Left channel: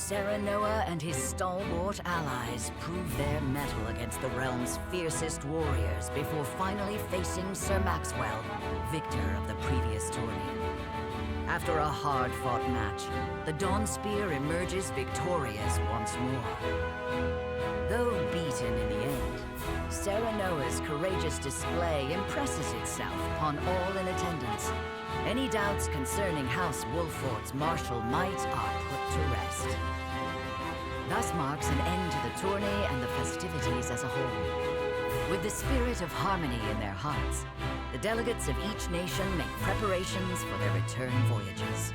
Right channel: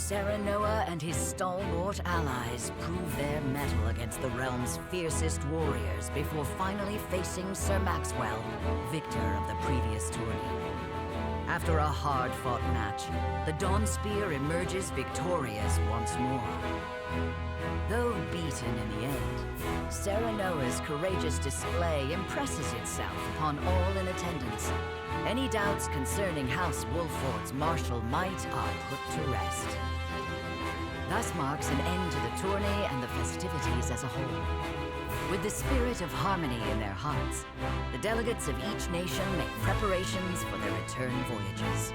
Serenoa and his stalwart allies prove their mettle against the realm's fiercest warriors before finally facing Sir Maxwell, victor of the previous tourney. After a hard-fought match, the Dawn Spear emerges victorious once more. Though beaten in the end, Serenoa's courageous display impresses itself upon all in attendance. Any doubts concerning House Wolfort's martial might are put to rest. Thus marks an end to the tourney and the festivities as a whole. With the spirit of harmony in their hearts, the delegates of each nation make preparations for their return voyages.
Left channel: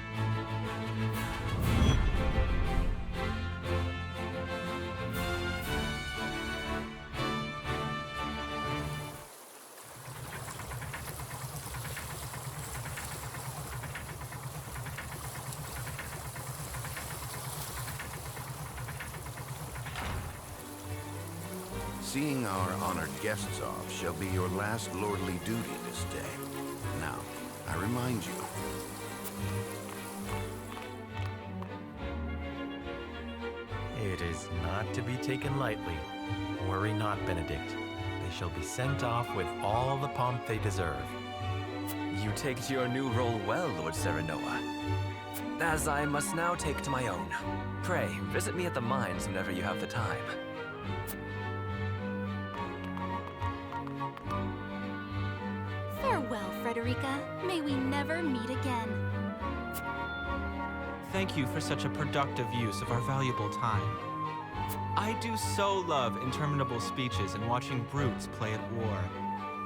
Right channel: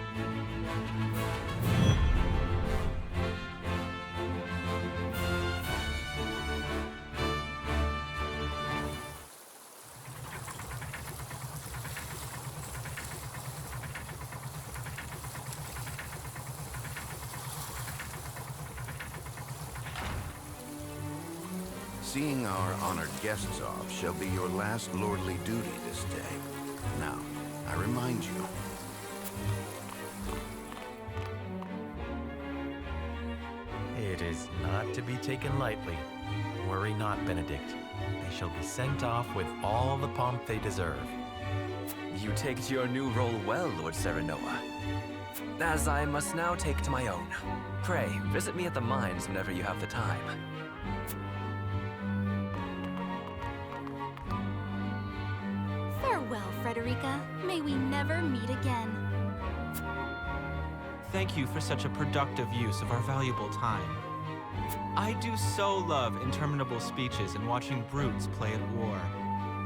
Seeing our honored guests off shall be your last lordly duty this day. Now, I remind you. It is not to be taken lightly. Worry not, Benedict. They shall be sent off with all the pomp they deserve. You take to your new role well, Lord Serenoa. As I must now take to my own. Pray, visit me at the mines whenever you have the time. Farewell, Frederica. May we never meet again. Thank you for such a productive use of our valuable time. I do so love interminable speeches and watching brutes play at war.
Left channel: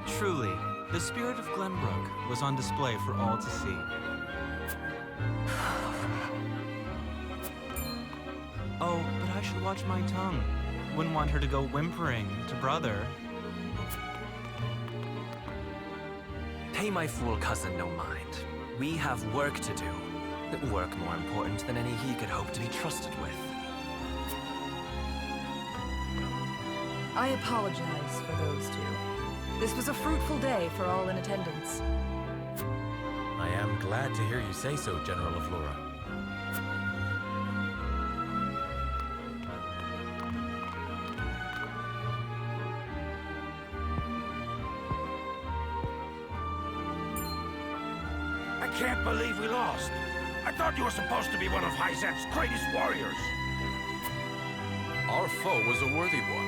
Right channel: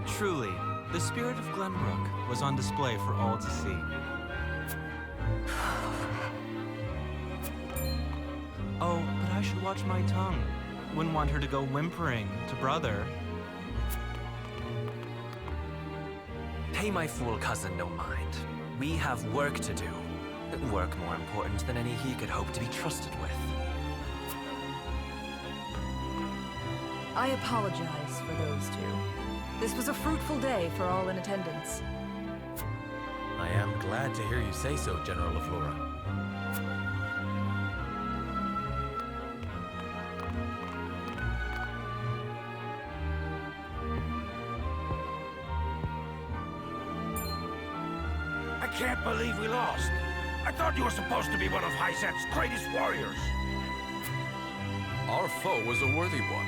Truly, the spirit of Glenbrook was on display for all to see. Oh, but I should watch my tongue. Wouldn't want her to go whimpering to brother. Pay my fool cousin no mind. We have work to do. Work more important than any he could hope to be trusted with. I apologize for those two. This was a fruitful day for all in attendance. I am glad to hear you say so, General of Laura. I can't believe we lost. I thought you were supposed to be one of Hyzante's greatest warriors. Our foe was a worthy one.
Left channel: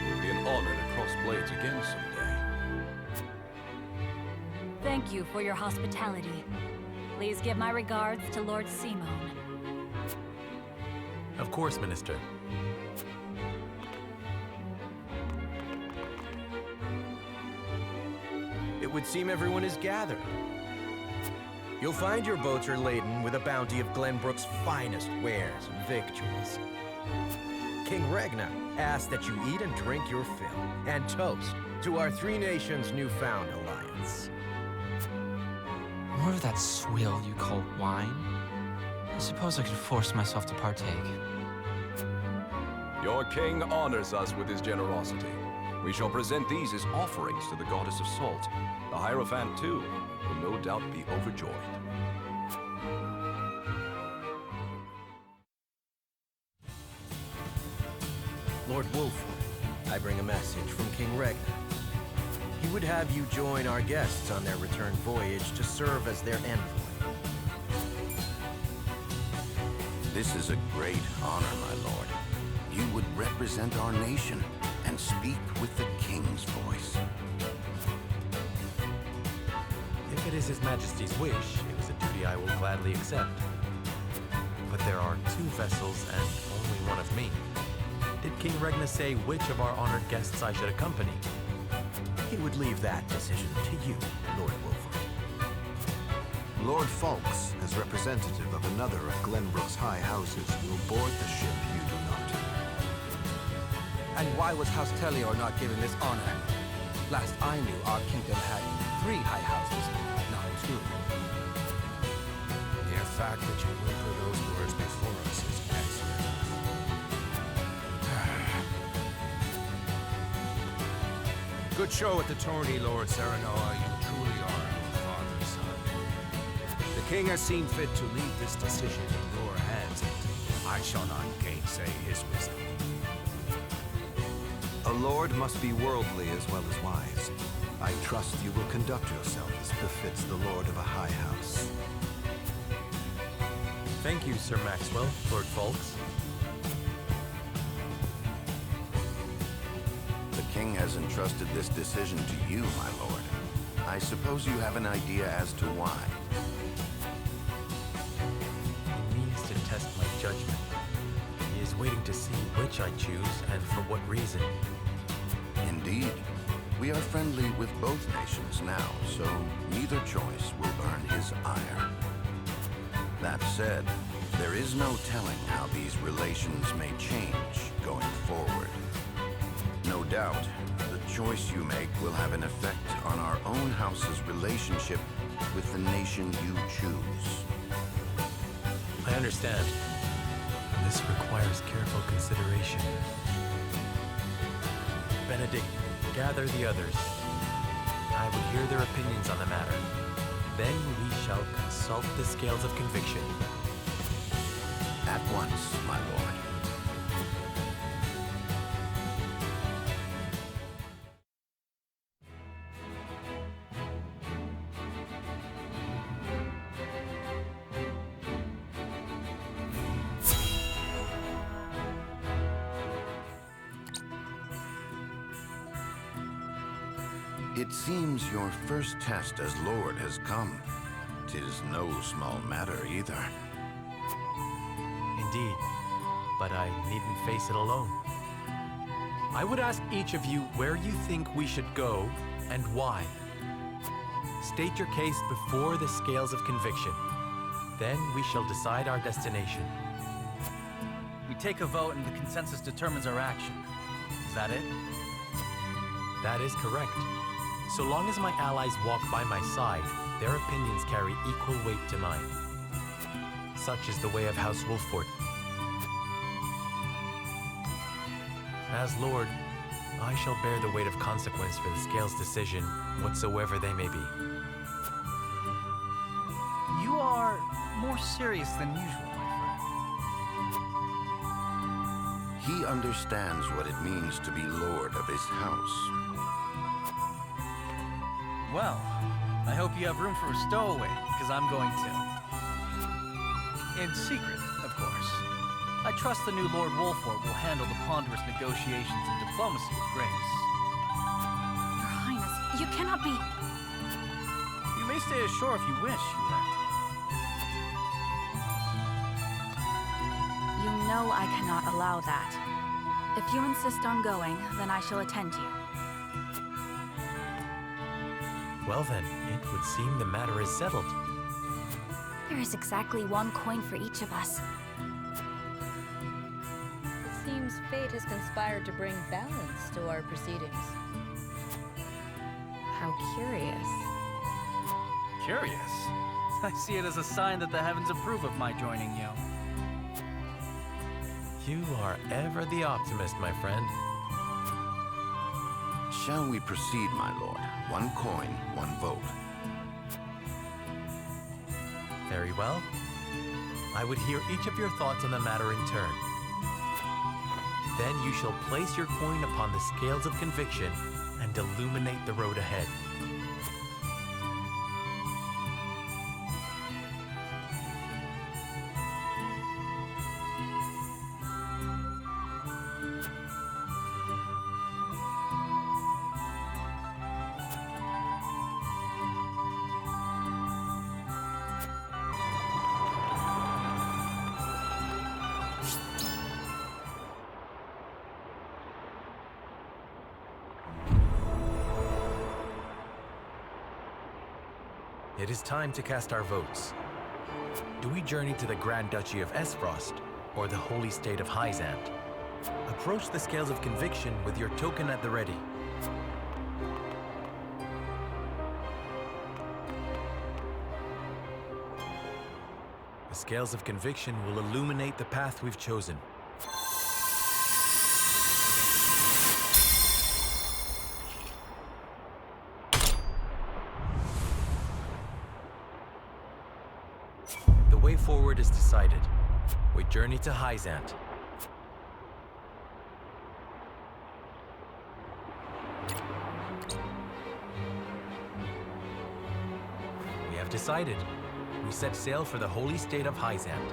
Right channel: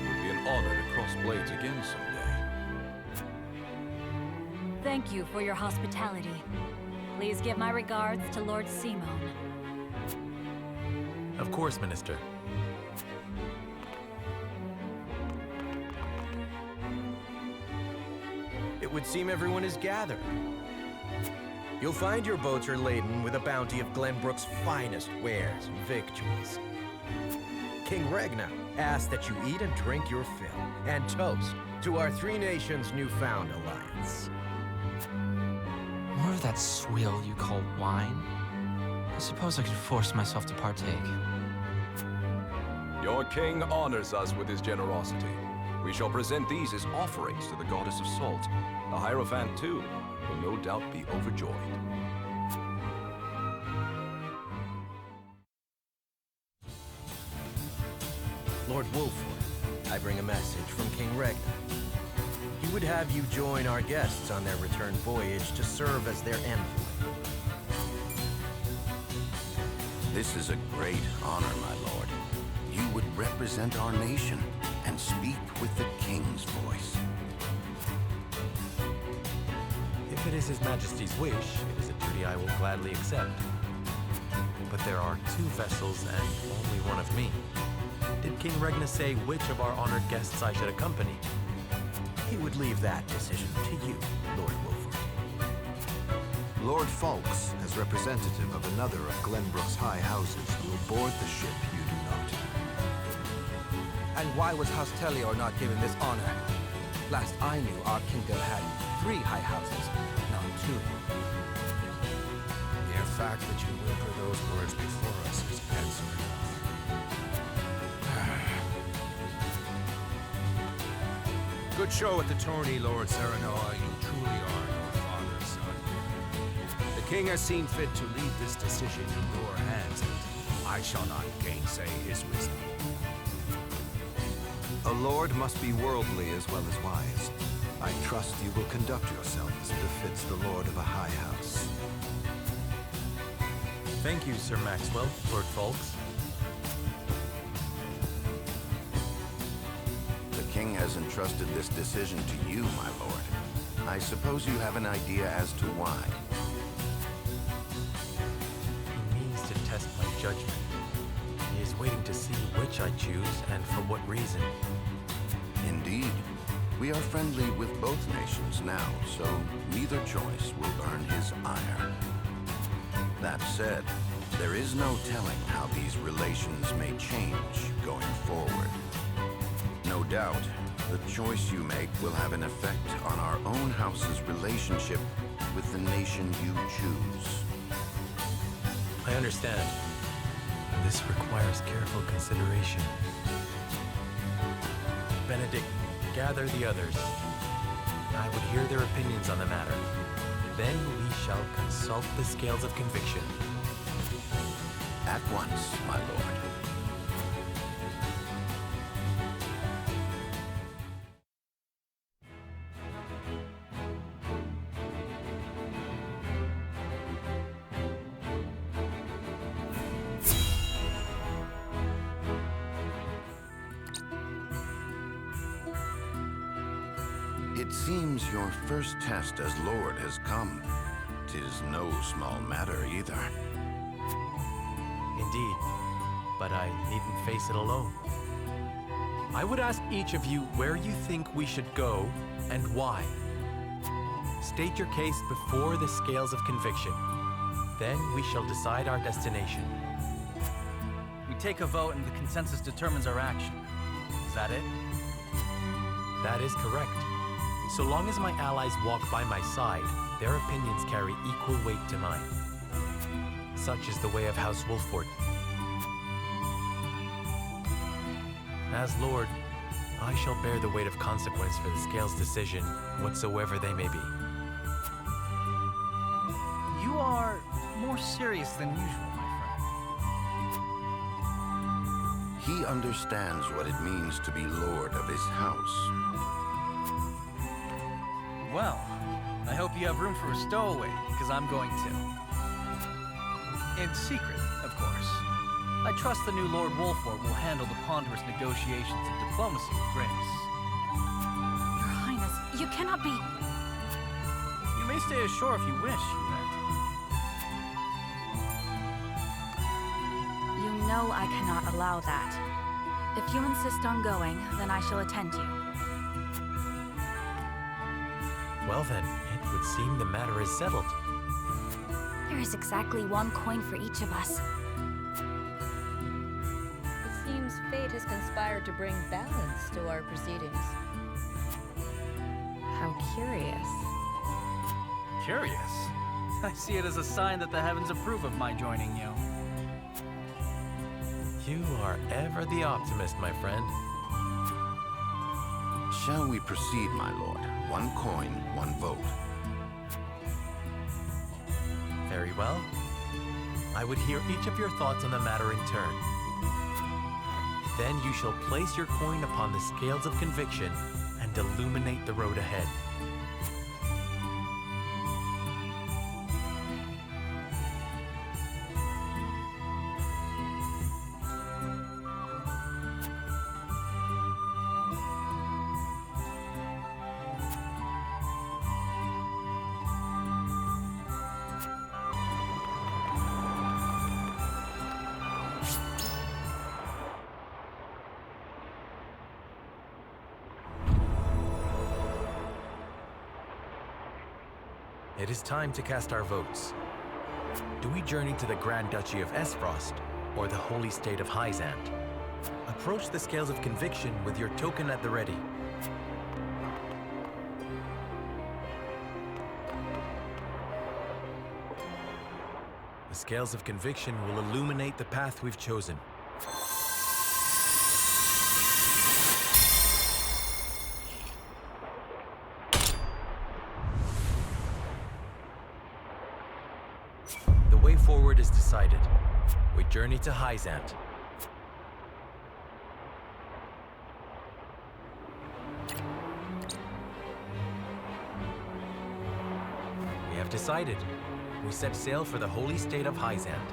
It would be an honor to cross blades again someday. Thank you for your hospitality. Please give my regards to Lord Simone. Of course, Minister. It would seem everyone is gathered. You'll find your boats are laden with a bounty of Glenbrook's finest wares and victuals. King Regna asks that you eat and drink your fill, and toast to our three nations' newfound alliance. More of that swill you call wine? I suppose I could force myself to partake. Your king honors us with his generosity. We shall present these as offerings to the goddess of salt. The Hierophant, too, will no doubt be overjoyed. Lord Wolford, I bring a message from King Regna. He would have you join our guests on their return voyage to serve as their envoy. This is a great honor, my lord. You would represent our nation and speak with the king's voice. If it is His Majesty's wish, it is a duty I will gladly accept. But there are 2 vessels and only one of me. Did King Regna say which of our honored guests I should accompany? He would leave that decision to you, Lord Wolford. Lord Falks, as representative of another of Glenbrook's high houses, will board the ship you do not. And why was House Tellior not given this honor? Last I knew, our kingdom had 3 high houses, not 2. The mere fact that you whimper those words before us is answer enough. Good show at the tourney, Lord Serenoa. You truly are your father's son. The king has seen fit to leave this decision in your hands, and I shall not gainsay his wisdom. A lord must be worldly as well as wise. I trust you will conduct yourself as befits the lord of a high house. Thank you, Sir Maxwell, Lord Folks. The king has entrusted this decision to you, my lord. I suppose you have an idea as to why. He means to test my judgment. He is waiting to see which I choose and for what reason. Indeed. We are friendly with both nations now, so neither choice will earn his ire. That said, there is no telling how these relations may change going forward. No doubt, the choice you make will have an effect on our own house's relationship with the nation you choose. I understand. This requires careful consideration. Benedict, gather the others. I would hear their opinions on the matter. Then we shall consult the scales of conviction. At once, my lord. It seems your first test as Lord has come. 'Tis no small matter either. Indeed, but I needn't face it alone. I would ask each of you where you think we should go and why. State your case before the scales of conviction. Then we shall decide our destination. We take a vote and the consensus determines our action. Is that it? That is correct. So long as my allies walk by my side, their opinions carry equal weight to mine. Such is the way of House Wolffort. As Lord, I shall bear the weight of consequence for the Scales' decision, whatsoever they may be. You are more serious than usual, my friend. He understands what it means to be Lord of his house. Well, I hope you have room for a stowaway, because I'm going to. In secret, of course. I trust the new Lord Wolffort will handle the ponderous negotiations and diplomacy with grace. Your Highness, you cannot be... You may stay ashore if you wish, Hyzante. You know I cannot allow that. If you insist on going, then I shall attend you. Well then, it would seem the matter is settled. There is exactly one coin for each of us. It seems fate has conspired to bring balance to our proceedings. How curious. Curious? I see it as a sign that the heavens approve of my joining you. You are ever the optimist, my friend. Shall we proceed, my lord? One coin, one vote. Very well. I would hear each of your thoughts on the matter in turn. Then you shall place your coin upon the scales of conviction and illuminate the road ahead. It is time to cast our votes. Do we journey to the Grand Duchy of Aesfrost or the Holy State of Hyzante? Approach the scales of conviction with your token at the ready. The scales of conviction will illuminate the path we've chosen. The way forward is decided. we journey to Hyzante. We have decided. We set sail for the holy state of Hyzante.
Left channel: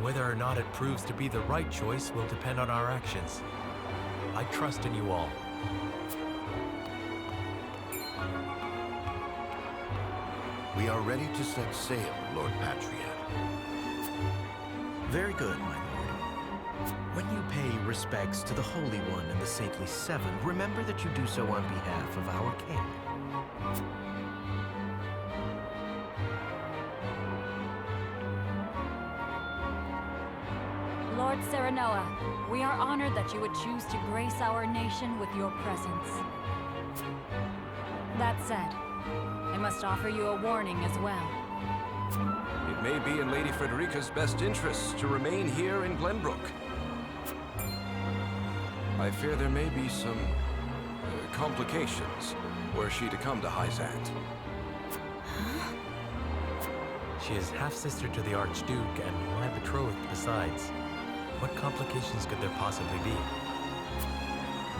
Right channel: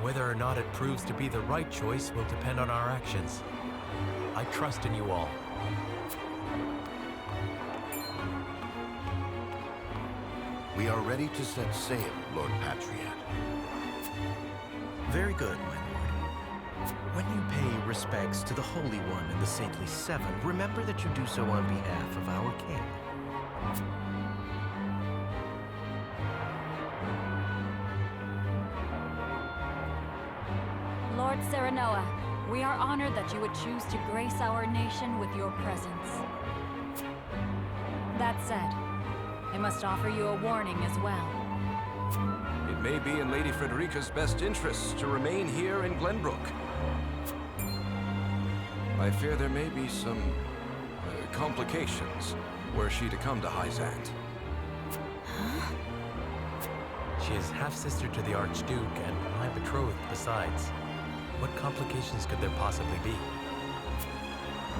Whether or not it proves to be the right choice will depend on our actions. I trust in you all. We are ready to set sail, Lord Patriot. Very good, my lord. When you pay respects to the Holy One and the Saintly Seven, remember that you do so on behalf of our king. Lord Serenoa, we are honored that you would choose to grace our nation with your presence. That said, I must offer you a warning as well. It may be in Lady Frederica's best interests to remain here in Glenbrook. I fear there may be some complications were she to come to Hyzante. Huh? She is half-sister to the Archduke and my betrothed besides. What complications could there possibly be?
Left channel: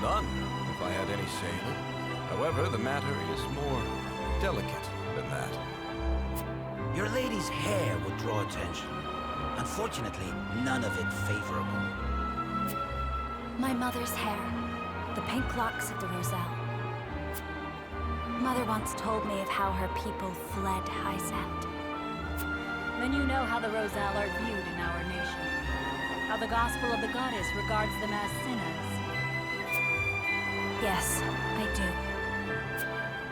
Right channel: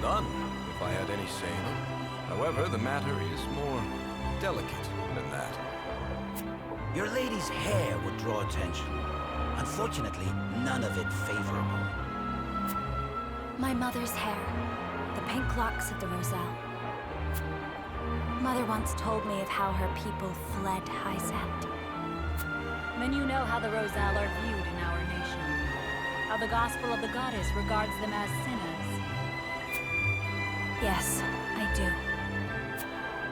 None, if I had any say in it. However, the matter is more delicate than that. Your lady's hair would draw attention. Unfortunately, none of it favorable. My mother's hair. The pink locks of the Roselle. Mother once told me of how her people fled Hyzante. Then you know how the Roselle are viewed in our nation. How the gospel of the goddess regards them as sinners. Yes, I do.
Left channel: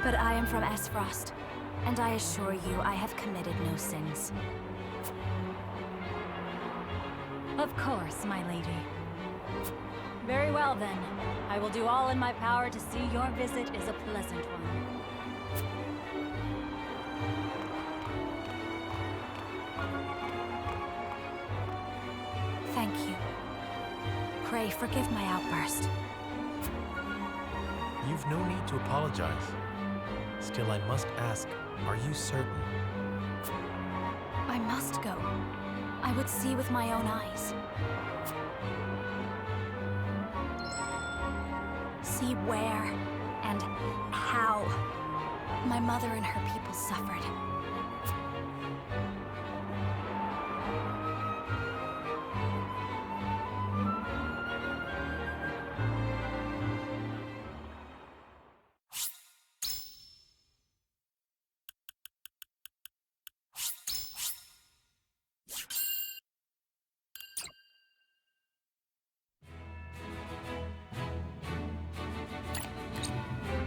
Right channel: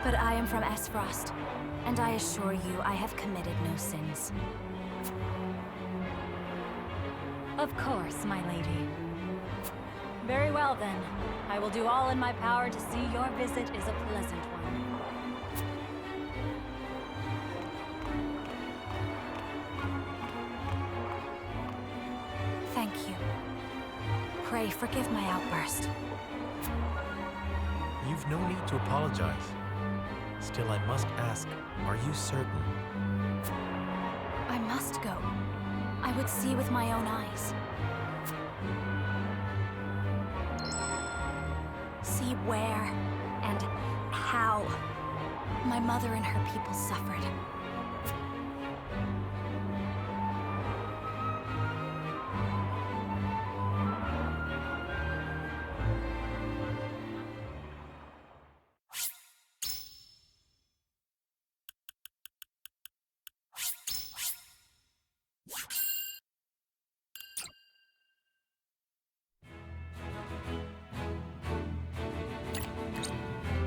But I am from Aesfrost, and I assure you I have committed no sins. Of course, my lady. Very well then. I will do all in my power to see your visit is a pleasant one. Thank you. Pray forgive my outburst. You've no need to apologize. Still, I must ask, are you certain? I must go. I would see with my own eyes. See where and how my mother and her people suffered.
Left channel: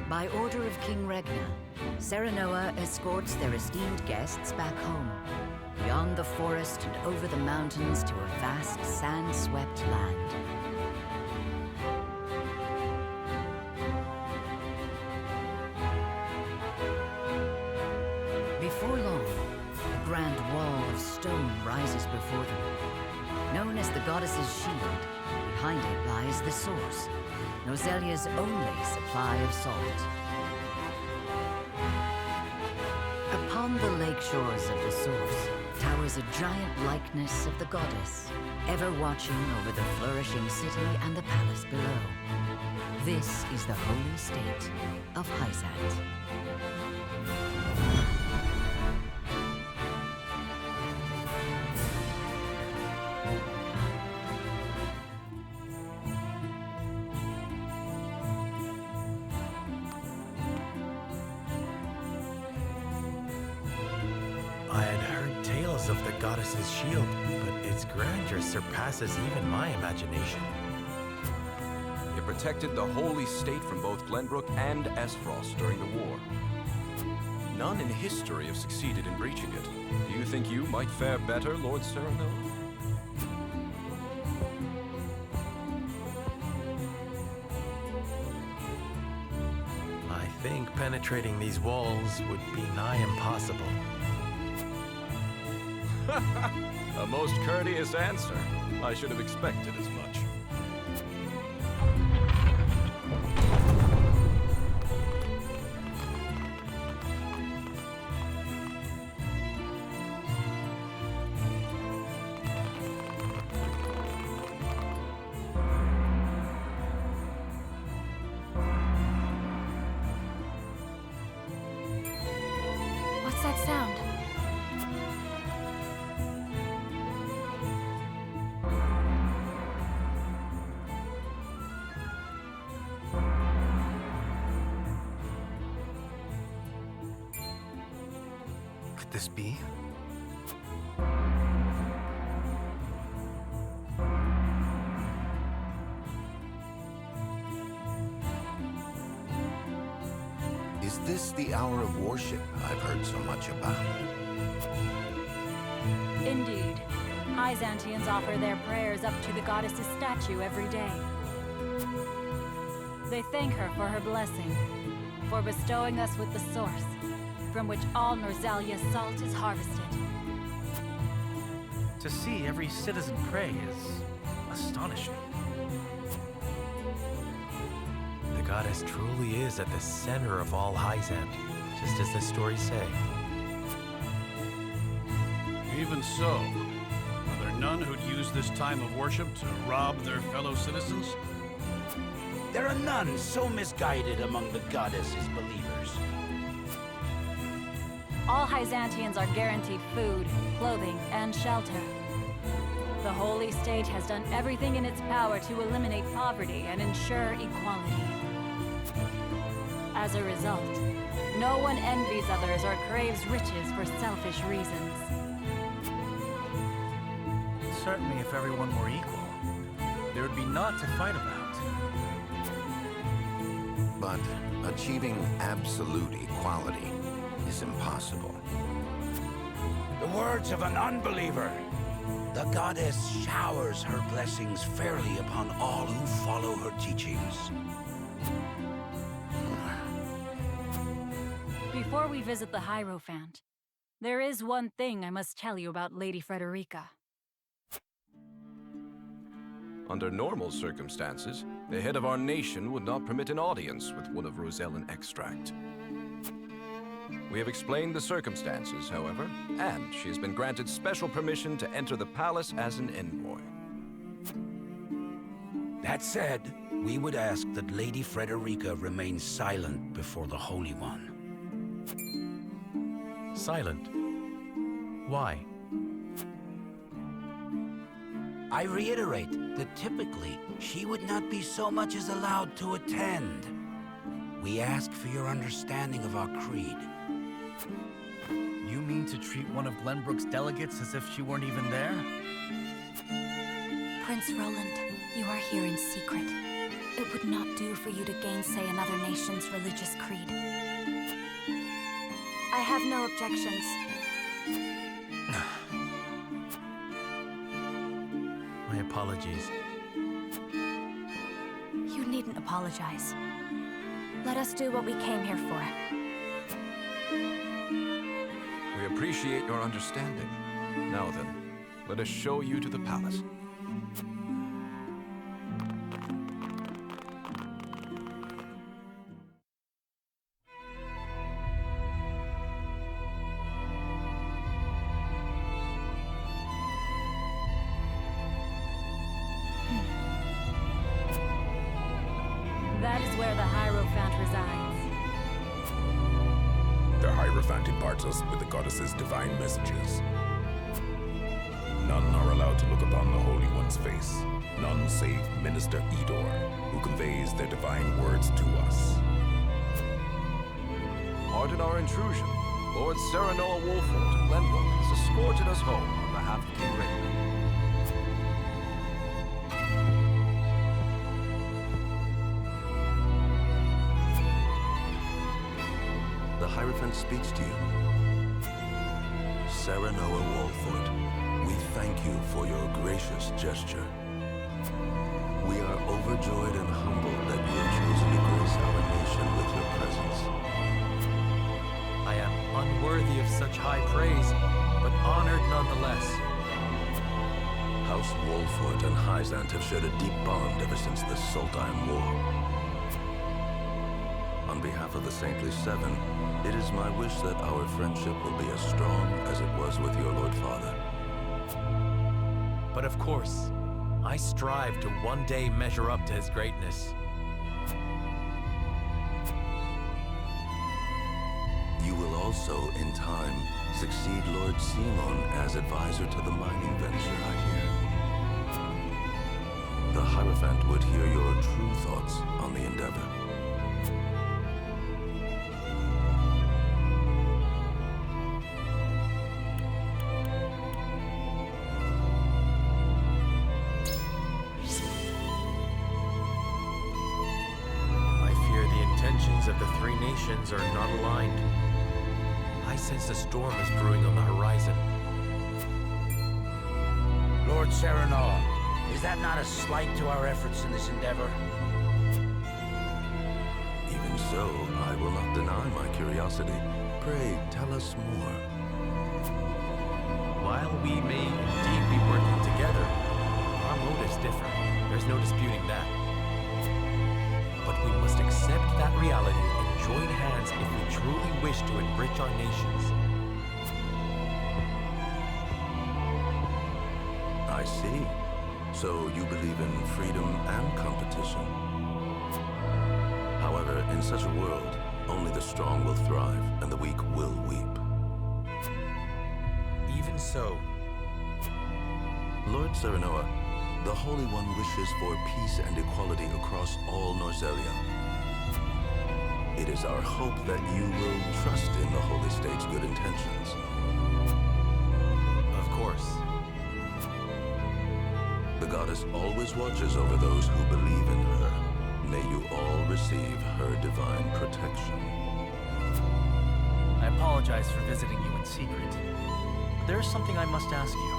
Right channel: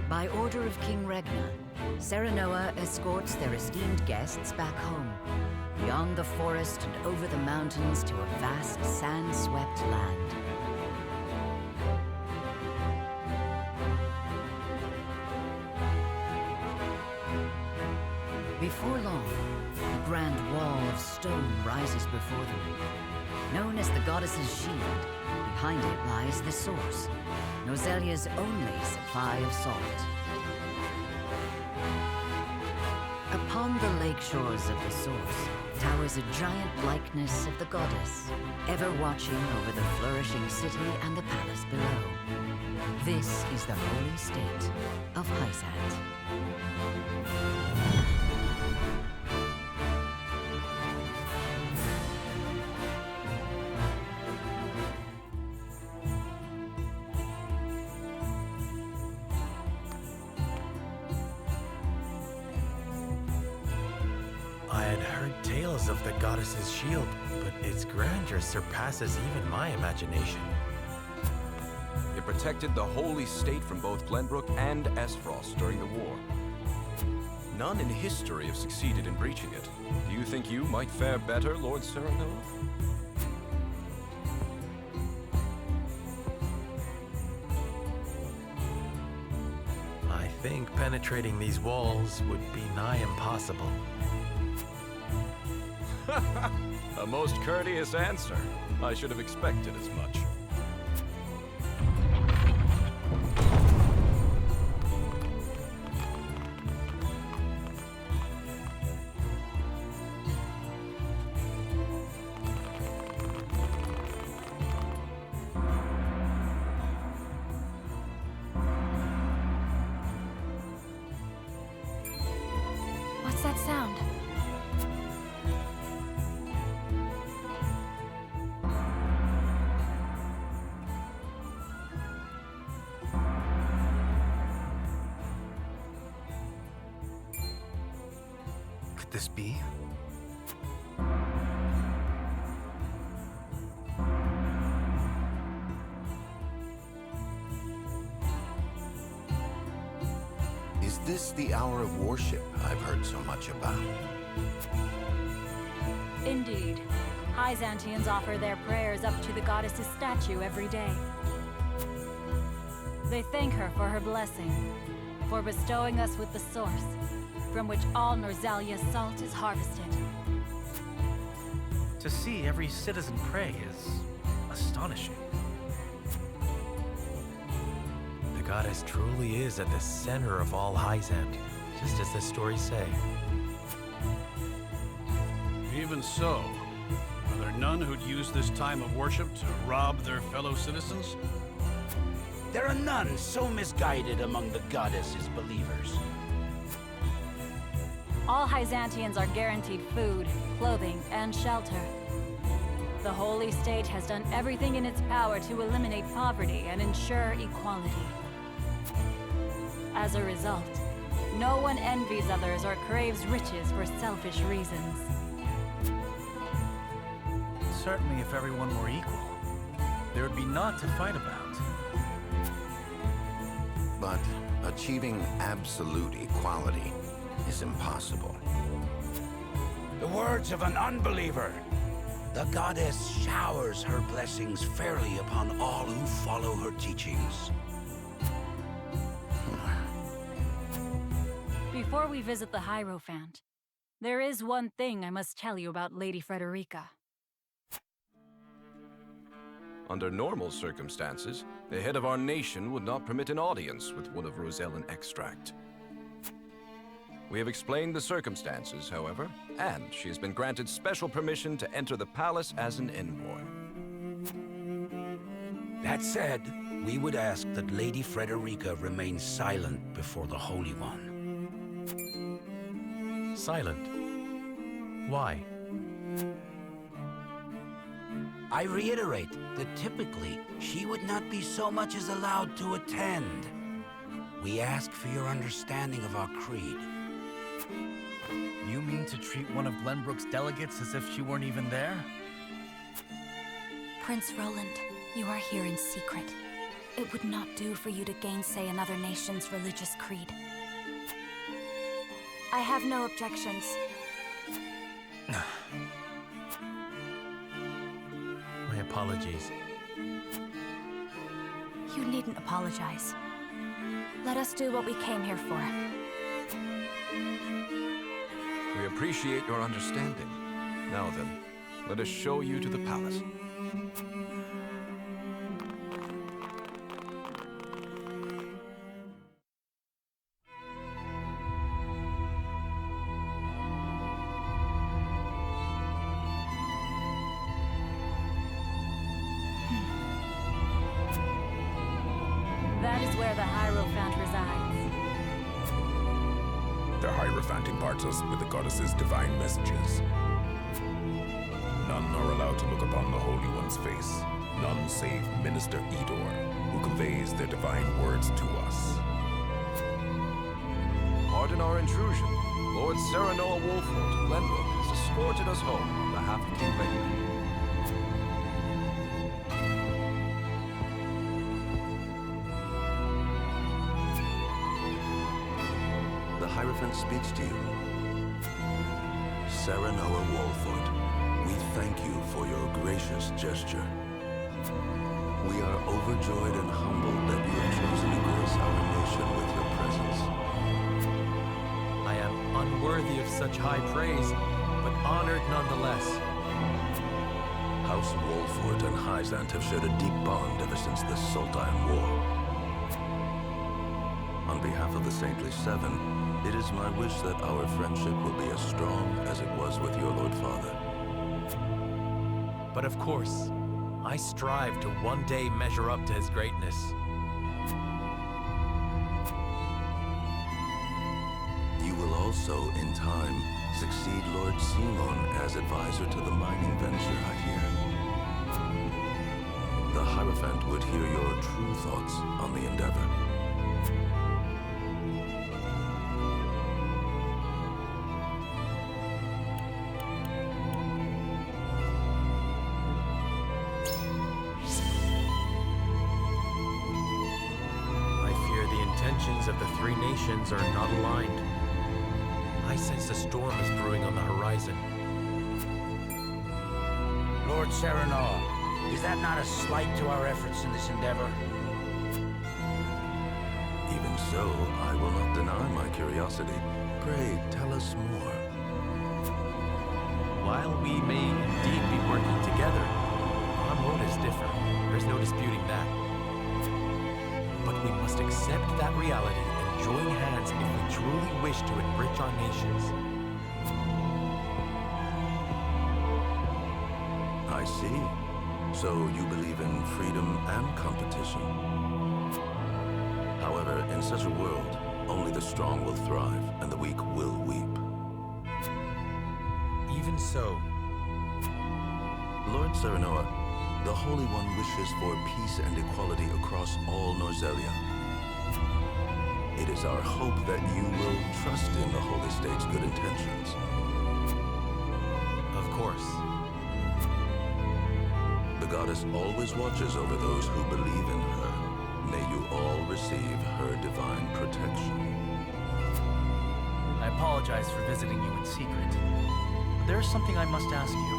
By order of King Regna, Serenoa escorts their esteemed guests back home, beyond the forest and over the mountains to a vast sand-swept land. Before long, a grand wall of stone rises before them. Known as the Goddess's Shield, behind it lies the source, Noselia's only supply of salt. Upon the lake shores of the source towers a giant likeness of the goddess, ever watching over the flourishing city and the palace below. This is the holy state of Hyzante. I had heard tales of the goddess's shield, but its grandeur surpasses even my imagination. It protected the holy state from both Glenbrook and Aesfrost during the war. None in history have succeeded in breaching it. Do you think you might fare better, Lord Serenoa? I think penetrating these walls would be nigh impossible. A most courteous answer. I should have expected as much. What's that sound? Could this be? Is this the hour of worship I've heard so much about? Indeed. Hyzanteans offer their prayers up to the goddess's statue every day. They thank her for her blessing, for bestowing us with the source, from which all Norzalia's salt is harvested. To see every citizen pray is astonishing. The goddess truly is at the center of all Hyzante, just as the stories say. Even so, are there none who'd use this time of worship to rob their fellow citizens? There are none so misguided among the goddess's believers. All Hyzanteans are guaranteed food, clothing, and shelter. The holy state has done everything in its power to eliminate poverty and ensure equality. As a result, no one envies others or craves riches for selfish reasons. Certainly, if everyone were equal, there would be naught to fight about. But achieving absolute equality is impossible. The words of an unbeliever. The goddess showers her blessings fairly upon all who follow her teachings. Before we visit the Hierophant, there is one thing I must tell you about Lady Frederica. Under normal circumstances, the head of our nation would not permit an audience with one of Rosellan extract. We have explained the circumstances, however, and she has been granted special permission to enter the palace as an envoy. That said, we would ask that Lady Frederica remain silent before the Holy One. Silent? Why? I reiterate that typically, she would not be so much as allowed to attend. We ask for your understanding of our creed. You mean to treat one of Glenbrook's delegates as if she weren't even there? Prince Roland, you are here in secret. It would not do for you to gainsay another nation's religious creed. I have no objections. My apologies. You needn't apologize. Let us do what we came here for. We appreciate your understanding. Now then, let us show you to the palace. That is where the Hierophant resides. The Hierophant imparts us with the goddess's divine messages. None are allowed to look upon the Holy One's face. None save Minister Edor, who conveys their divine words to us. Pardon our intrusion. Lord Serenoa Wolford of Glenbrook has escorted us home on behalf of King Regna. The Hierophant speaks to you. Serenoa Wolford, we thank you for your gracious gesture. We are overjoyed and humbled that you have chosen to grace our nation with your presence. I am unworthy of such high praise, but honored nonetheless. House Wolford and Hyzante have shared a deep bond ever since the Sultan War. On behalf of the Saintly Seven, it is my wish that our friendship will be as strong as it was with your Lord Father. But of course, I strive to one day measure up to his greatness. You will also, in time, succeed Lord Simon as advisor to the mining venture, I hear. The Hierophant would hear your true thoughts on the endeavor. I fear the intentions of the three nations are not aligned. I sense a storm is brewing on the horizon. Lord Serenoa, is that not a slight to our efforts in this endeavor? Even so, I will not deny my curiosity. Pray, tell us more. While we may indeed be working together, our motives differ. There's no disputing that. But we must accept that reality and join hands if we truly wish to enrich our nations. I see. So you believe in freedom and competition. However, in such a world, only the strong will thrive and the weak will weep. Even so. Lord Serenoa, the Holy One wishes for peace and equality across all Norzelia. It is our hope that you will trust in the Holy State's good intentions. Of course. The goddess always watches over those who believe in her. May you all receive her divine protection. I apologize for visiting you in secret, but there is something I must ask you.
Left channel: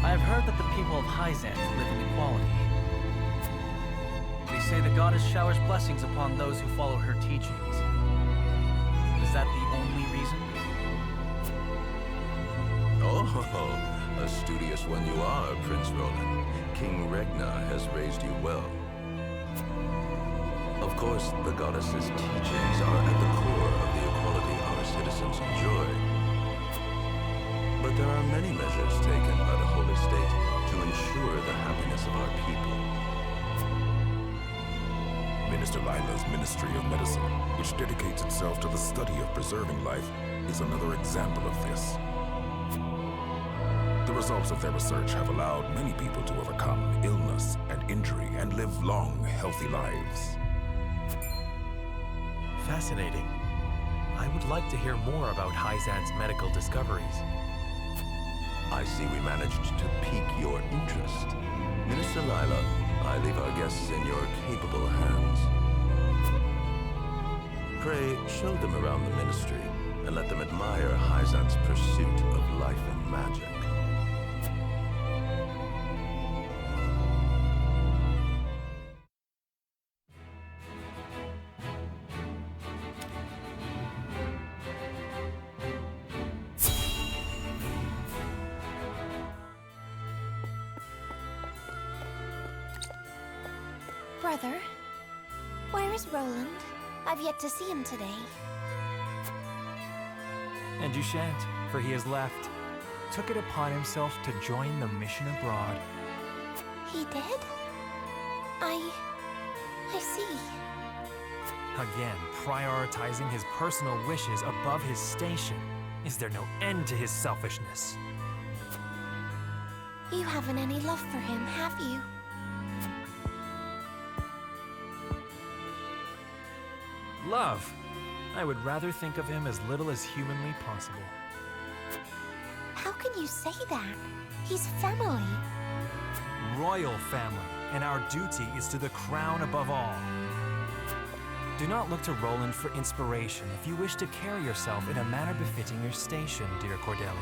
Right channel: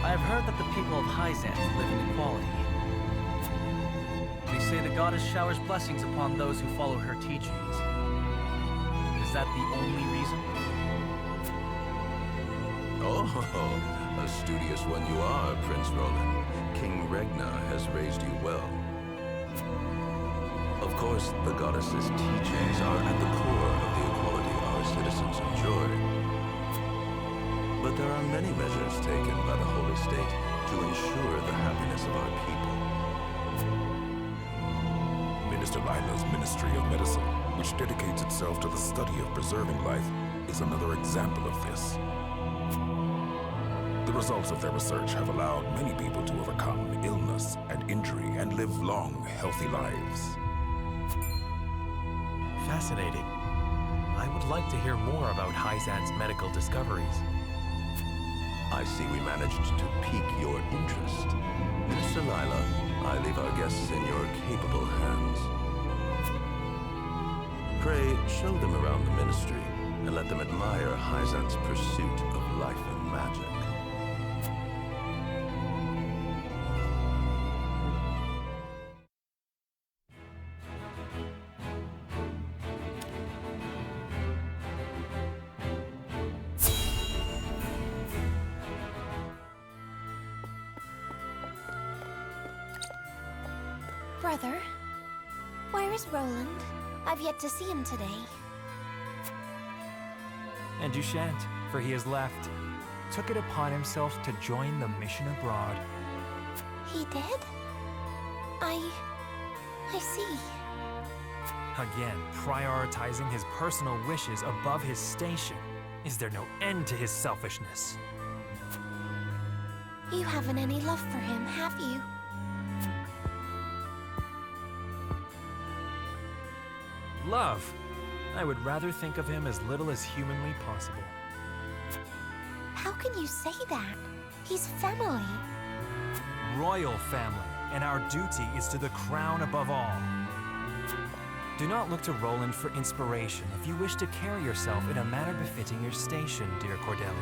I have heard that the people of Hyzante live in equality. They say the goddess showers blessings upon those who follow her teachings. Is that the only reason? Oh, a studious one you are, Prince Roland. King Regna has raised you well. Of course, the goddess's teachings are at the core of the equality our citizens enjoy. But there are many measures taken by the Holy State to ensure the happiness of our people. Minister Lila's Ministry of Medicine, which dedicates itself to the study of preserving life, is another example of this. The results of their research have allowed many people to overcome illness and injury and live long, healthy lives. Fascinating. I would like to hear more about Hyzante's medical discoveries. I see we managed to pique your interest. Minister Lila, I leave our guests in your capable hands. Pray, show them around the ministry and let them admire Hyzante's pursuit of life and magic. Brother, where is Roland? I've yet to see him today. And you shan't, for he has left. Took it upon himself to join the mission abroad. He did? I see. Again, prioritizing his personal wishes above his station. Is there no end to his selfishness? You haven't any love for him, have you? Love. I would rather think of him as little as humanly possible. How can you say that? He's family. Royal family, and our duty is to the crown above all. Do not look to Roland for inspiration if you wish to carry yourself in a manner befitting your station, dear Cordelia.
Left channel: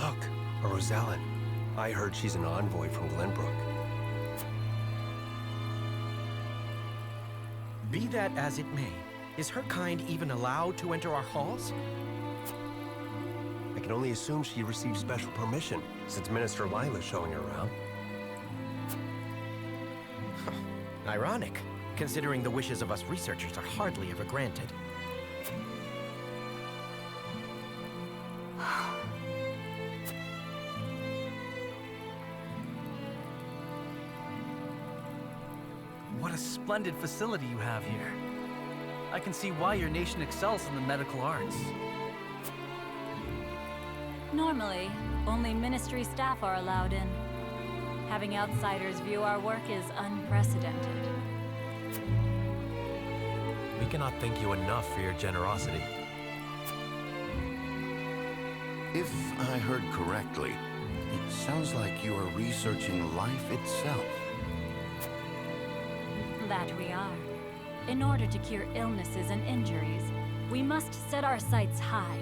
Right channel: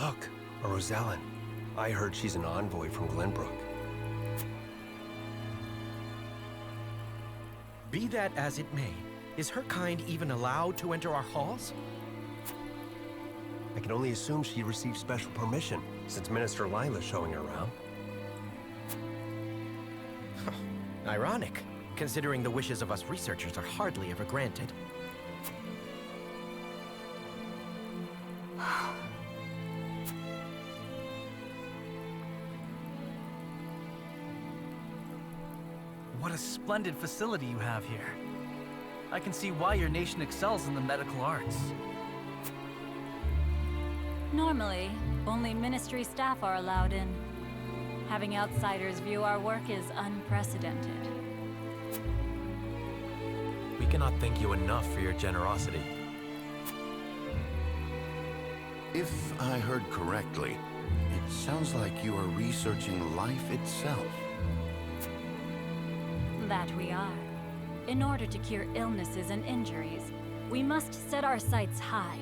Look, a Rosellan. I heard she's an envoy from Glenbrook. Be that as it may, is her kind even allowed to enter our halls? I can only assume she received special permission, since Minister Lila's showing her around. Ironic, considering the wishes of us researchers are hardly ever granted. What a splendid facility you have here. I can see why your nation excels in the medical arts. Normally, only ministry staff are allowed in. Having outsiders view our work is unprecedented. We cannot thank you enough for your generosity. If I heard correctly, it sounds like you are researching life itself. That we are. In order to cure illnesses and injuries, we must set our sights high.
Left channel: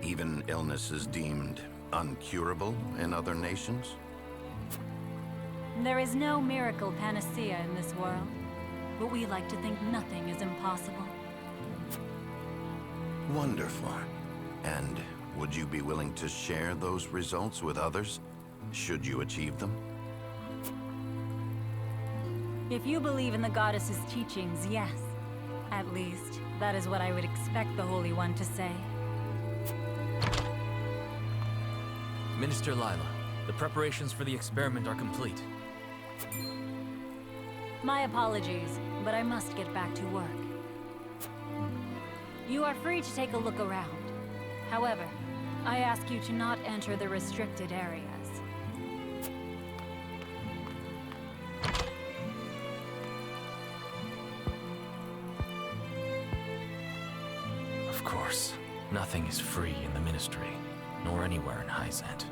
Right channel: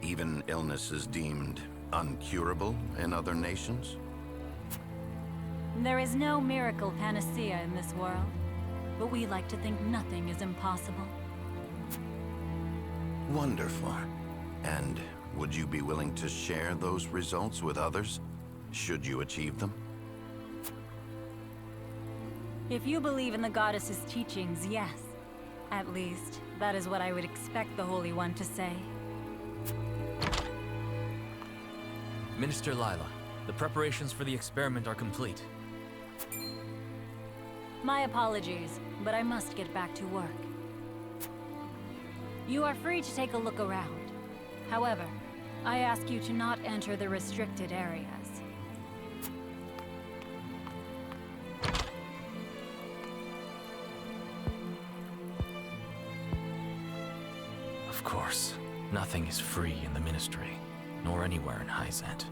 Even illnesses deemed uncurable in other nations? There is no miracle panacea in this world, but we like to think nothing is impossible. Wonderful. And would you be willing to share those results with others, should you achieve them? If you believe in the goddess's teachings, yes. At least, that is what I would expect the Holy One to say. Minister Lila, the preparations for the experiment are complete. My apologies, but I must get back to work. You are free to take a look around. However, I ask you to not enter the restricted areas. Of course, nothing is free in the Ministry, nor anywhere in Hyzante.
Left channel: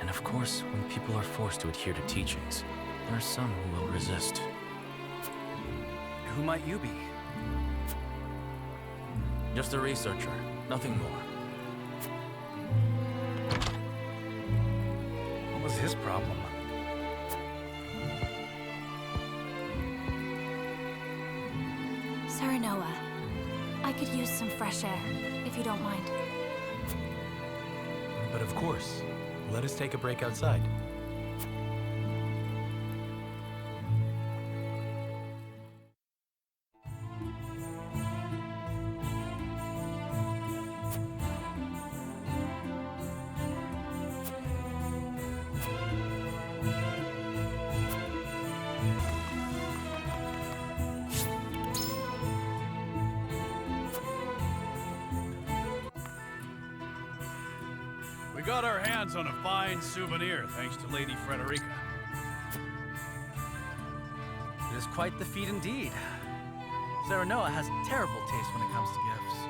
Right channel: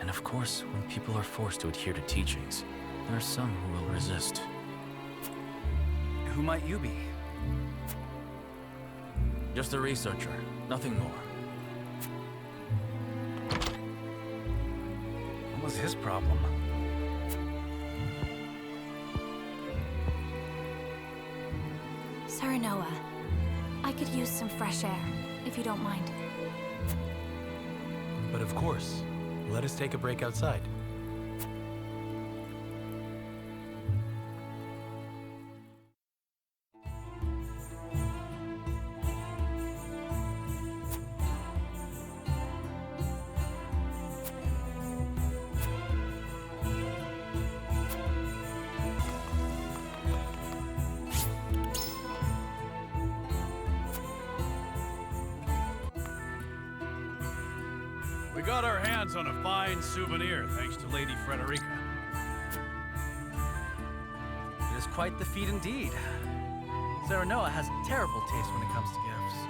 And of course, when people are forced to adhere to teachings, there are some who will resist. Who might you be? Just a researcher, nothing more. What was his problem? Serenoa, I could use some fresh air, if you don't mind. But of course, let us take a break outside. We got our hands on a fine souvenir, thanks to Lady Frederica. It is quite the feat indeed. Serenoa has terrible taste when it comes to gifts.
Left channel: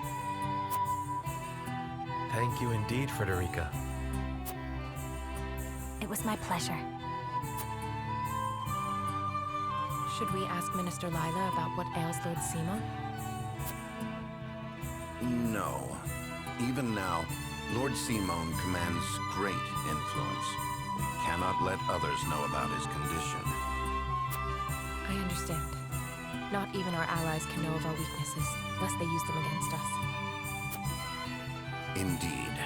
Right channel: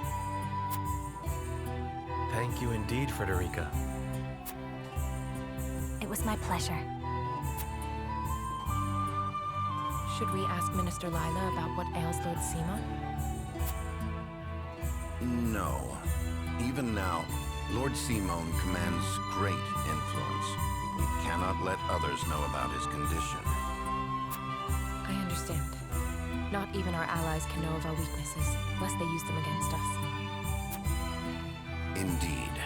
Thank you indeed, Frederica. It was my pleasure. Should we ask Minister Lila about what ails Lord Simon? No. Even now, Lord Simon commands great influence. We cannot let others know about his condition. I understand. Not even our allies can know of our weaknesses, lest they use them against us. Indeed.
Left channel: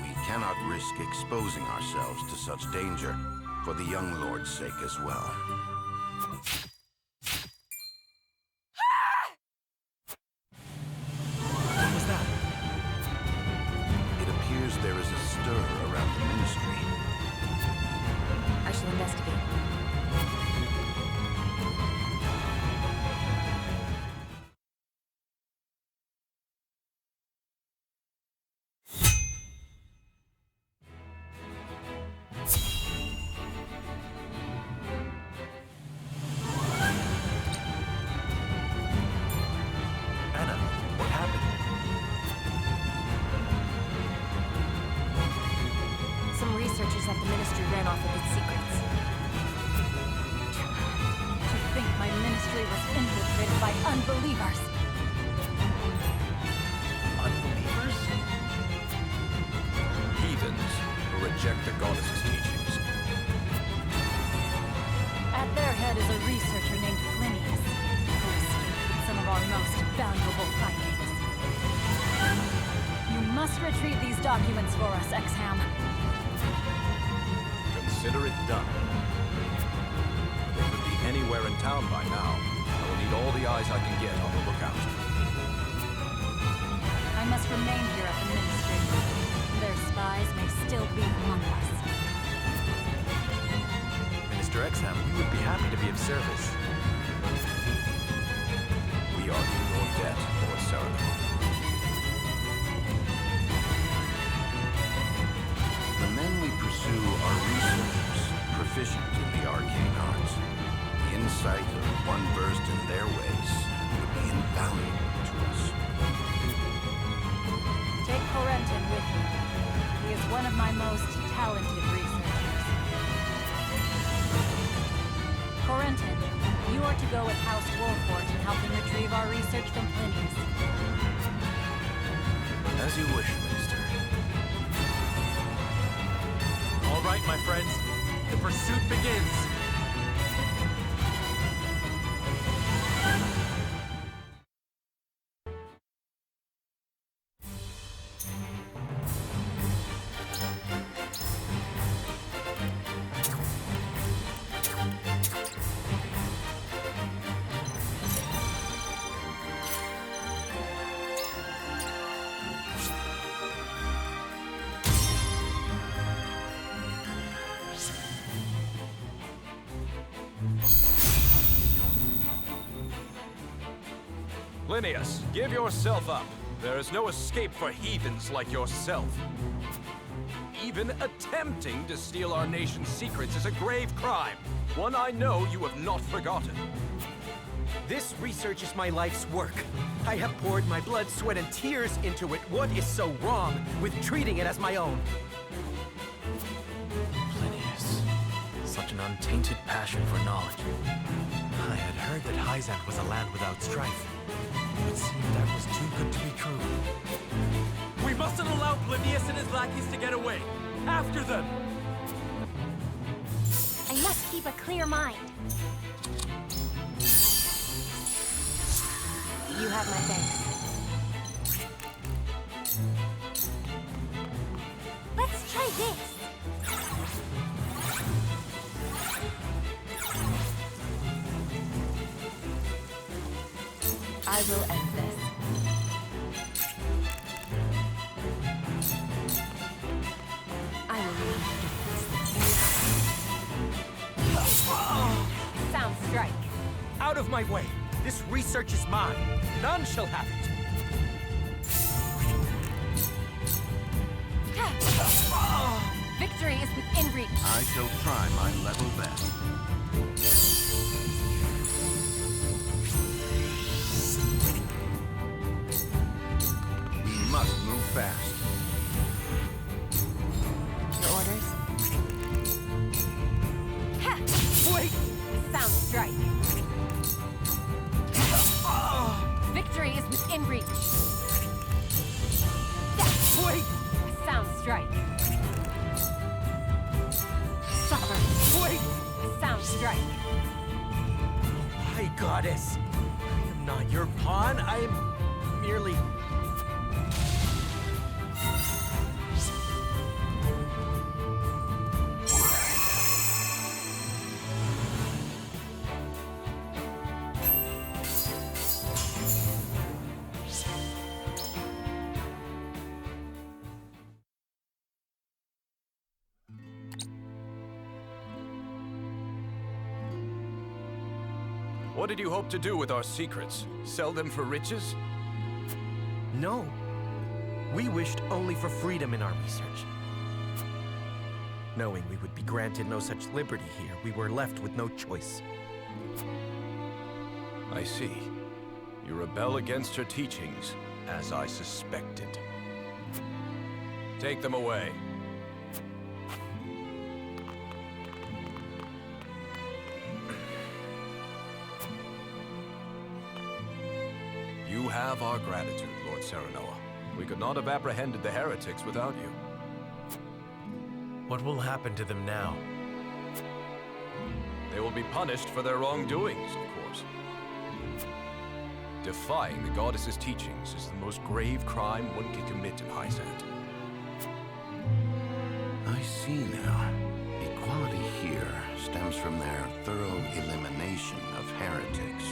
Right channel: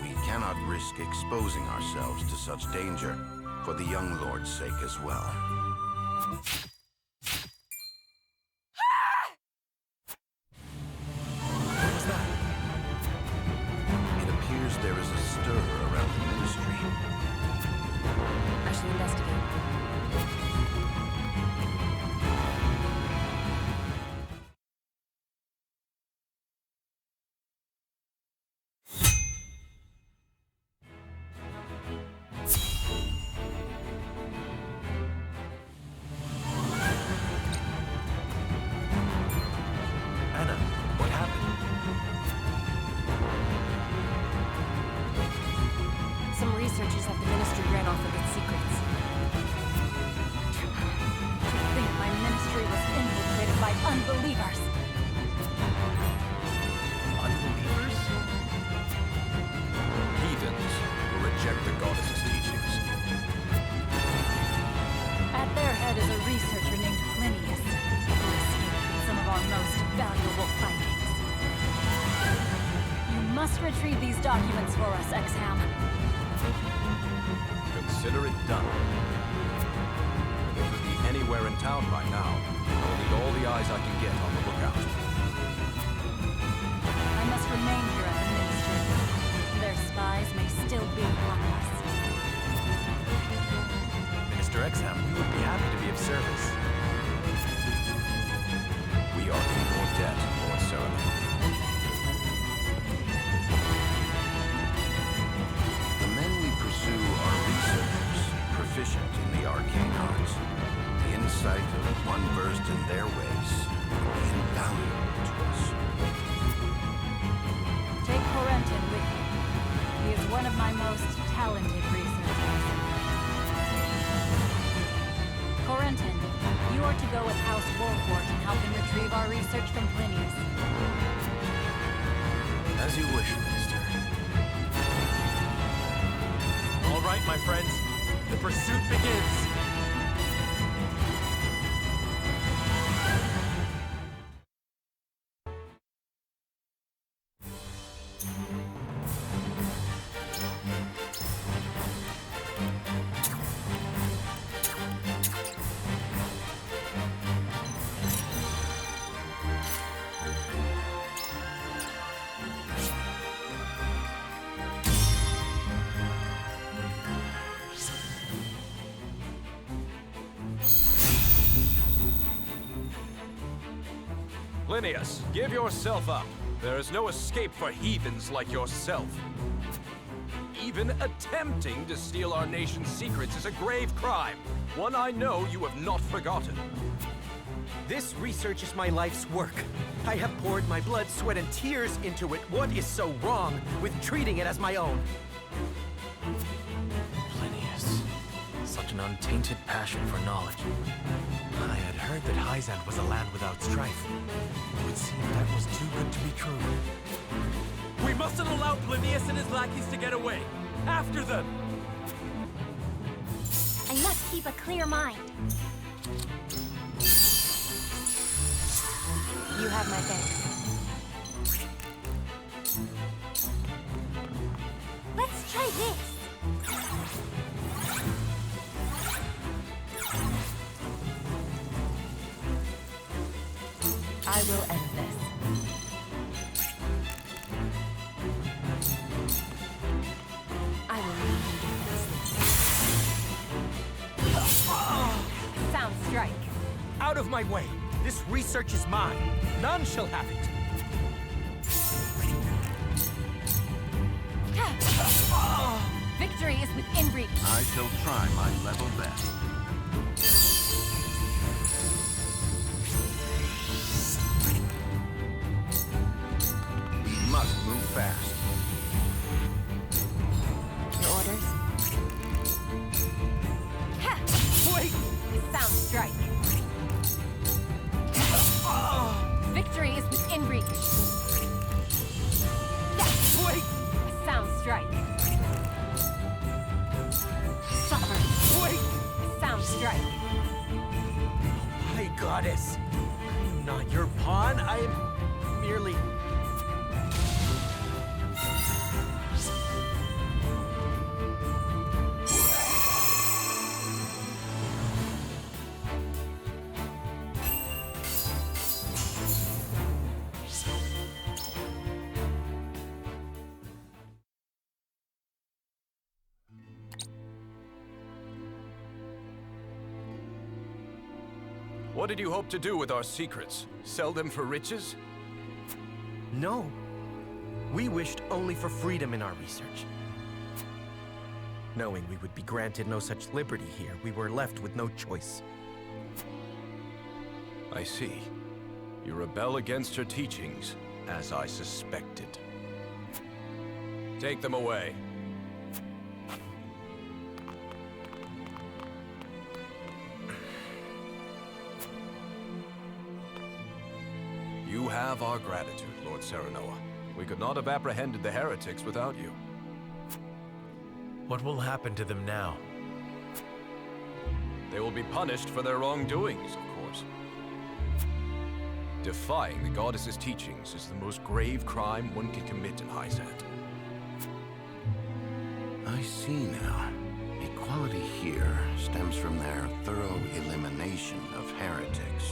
We cannot risk exposing ourselves to such danger, for the young lord's sake as well. What was that? It appears there is a stir around the ministry. I shall investigate. Anna, what happened? Some researchers at the Ministry ran off with its secrets. To think my ministry was infiltrated by unbelievers. Unbelievers? Heathens who reject the goddess's teachings. At their head is a researcher named Plinius, who escaped with some of our most valuable findings. You must retrieve these documents for us, Exham. Consider it done. They could be anywhere in town by now. I will need all the eyes I can get on the lookout. I must remain here at the Ministry. Their spies may still be among us. Minister Exham, we would be happy to be of service. We are in your debt, Lord Serenade. The men we pursue are researchers, proficient in the arcane arts. The insight of one versed in their ways would be invaluable to us. Take Corentin with you. He is one of my most talented researchers. Corentin, you are to go with House Wolfort and help them retrieve our research from Plinius. As you wish, Minister. All right, my friends. The pursuit begins. Plinius, give yourself up. There is no escape for heathens like yourself. Even attempting to steal our nation's secrets is a grave crime. One I know you have not forgotten. This research is my life's work. I have poured my blood, sweat, and tears into it. What is so wrong with treating it as my own? Plinius. Such an untainted passion for knowledge. I had heard that Hyzante was a land without strife. It would seem that was too good to be true. We mustn't allow Plinius and his lackeys to get away. After them! I must keep a clear mind. You have my thanks. Let's try this. I will end this. I will leave you defenseless. Sound strike. Out of my way! This research is mine. None shall have it. Victory is within reach. I shall try my level best. We must move fast. Your orders? Wait! Sound strike. Victory is within reach. Wait! Sound strike. Suffer. Wait! Sound strike. My goddess! I am not your pawn. I am merely... What did you hope to do with our secrets? Sell them for riches? No. We wished only for freedom in our research. Knowing we would be granted no such liberty here, we were left with no choice. I see. You rebel against her teachings, as I suspected. Take them away. You have our gratitude, Lord Serenoa. We could not have apprehended the heretics without you. What will happen to them now? They will be punished for their wrongdoings, of course. Defying the goddess's teachings is the most grave crime one can commit in Hyzante. I see now. Equality here stems from their thorough elimination of heretics.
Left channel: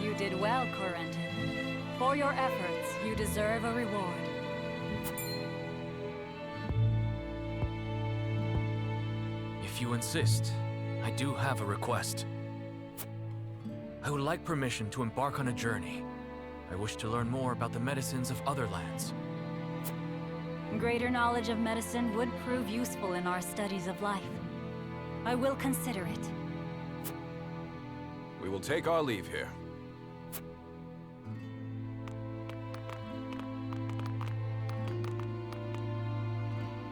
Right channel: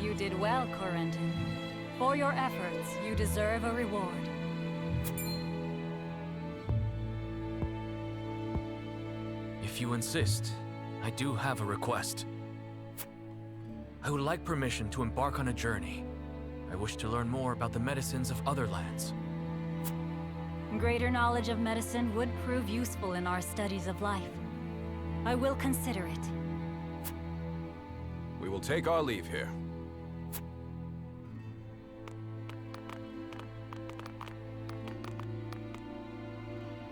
You did well, Corentin. For your efforts, you deserve a reward. If you insist, I do have a request. I would like permission to embark on a journey. I wish to learn more about the medicines of other lands. Greater knowledge of medicine would prove useful in our studies of life. I will consider it. We will take our leave here.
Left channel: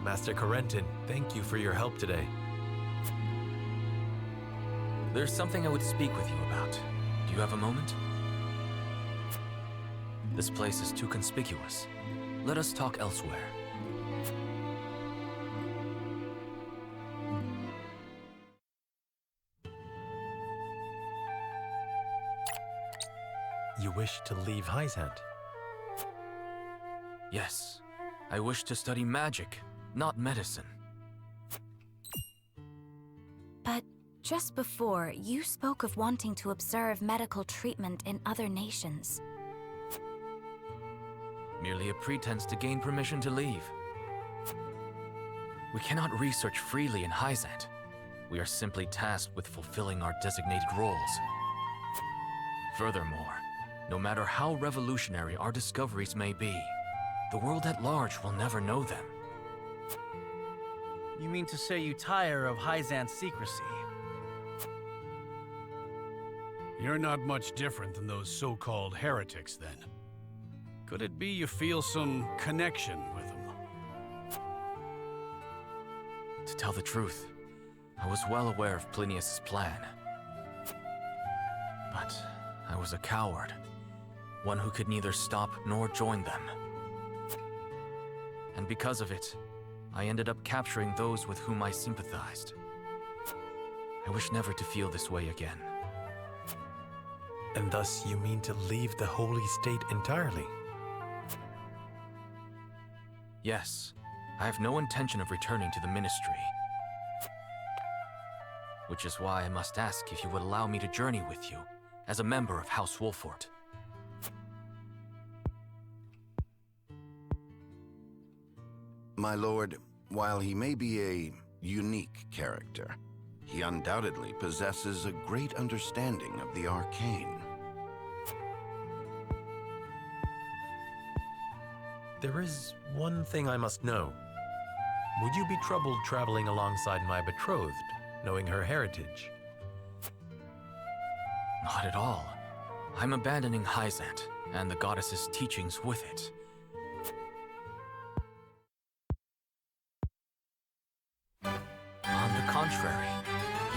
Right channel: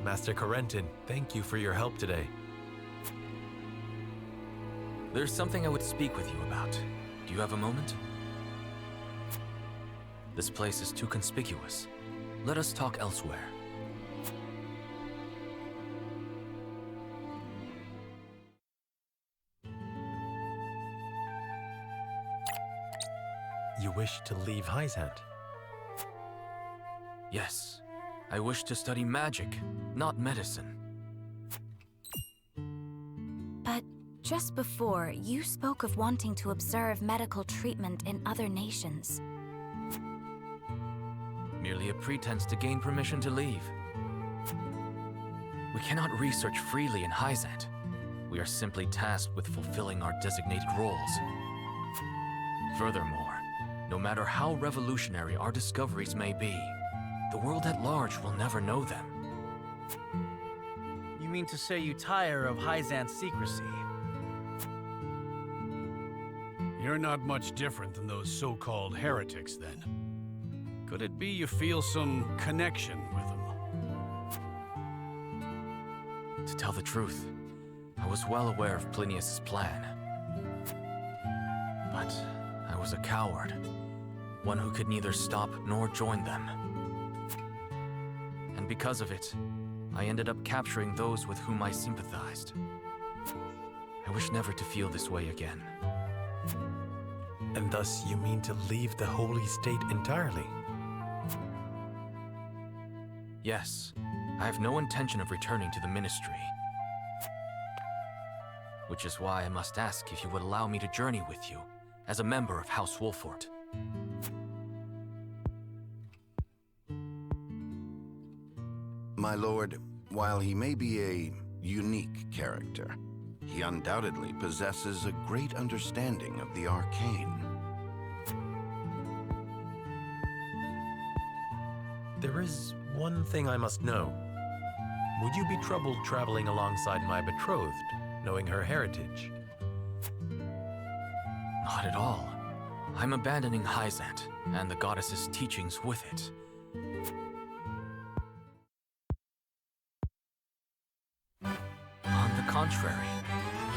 Master Corentin, thank you for your help today. There's something I would speak with you about. Do you have a moment? This place is too conspicuous. Let us talk elsewhere. You wish to leave Hyzante? Yes. I wish to study magic, not medicine. But just before, you spoke of wanting to observe medical treatment in other nations. Merely a pretense to gain permission to leave. We cannot research freely in Hyzante. We are simply tasked with fulfilling our designated roles. Furthermore, no matter how revolutionary our discoveries may be, the world at large will never know them. You mean to say you tire of Hyzante's secrecy? You're not much different than those so-called heretics, then. Could it be you feel some connection with them? To tell the truth, I was well aware of Plinius' plan. But I was a coward, one who could neither stop nor join them. And because of it, I ended up capturing those with whom I sympathized. I wish never to feel this way again. And thus you mean to leave the Holy State entirely? Yes, I have no intention of returning to the Ministry. Which is why I must ask if you would allow me to journey with you, as a member of House Wolfort. My lord, while he may be a unique character, he undoubtedly possesses a great understanding of the arcane. There is one thing I must know. Would you be troubled traveling alongside my betrothed, knowing her heritage? Not at all. I'm abandoning Hyzante, and the goddess's teachings with it. On the contrary,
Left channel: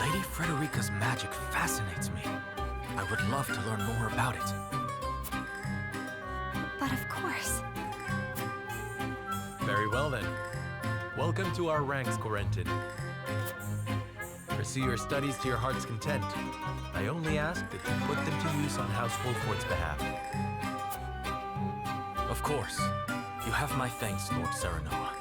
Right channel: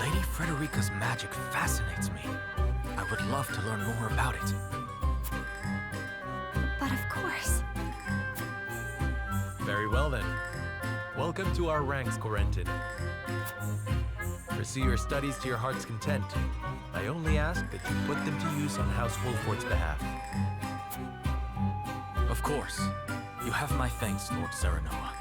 Lady Frederica's magic fascinates me. I would love to learn more about it. But of course. Very well then. Welcome to our ranks, Corentin. Pursue your studies to your heart's content. I only ask that you put them to use on House Wolfort's behalf. Of course. You have my thanks, Lord Serenoa.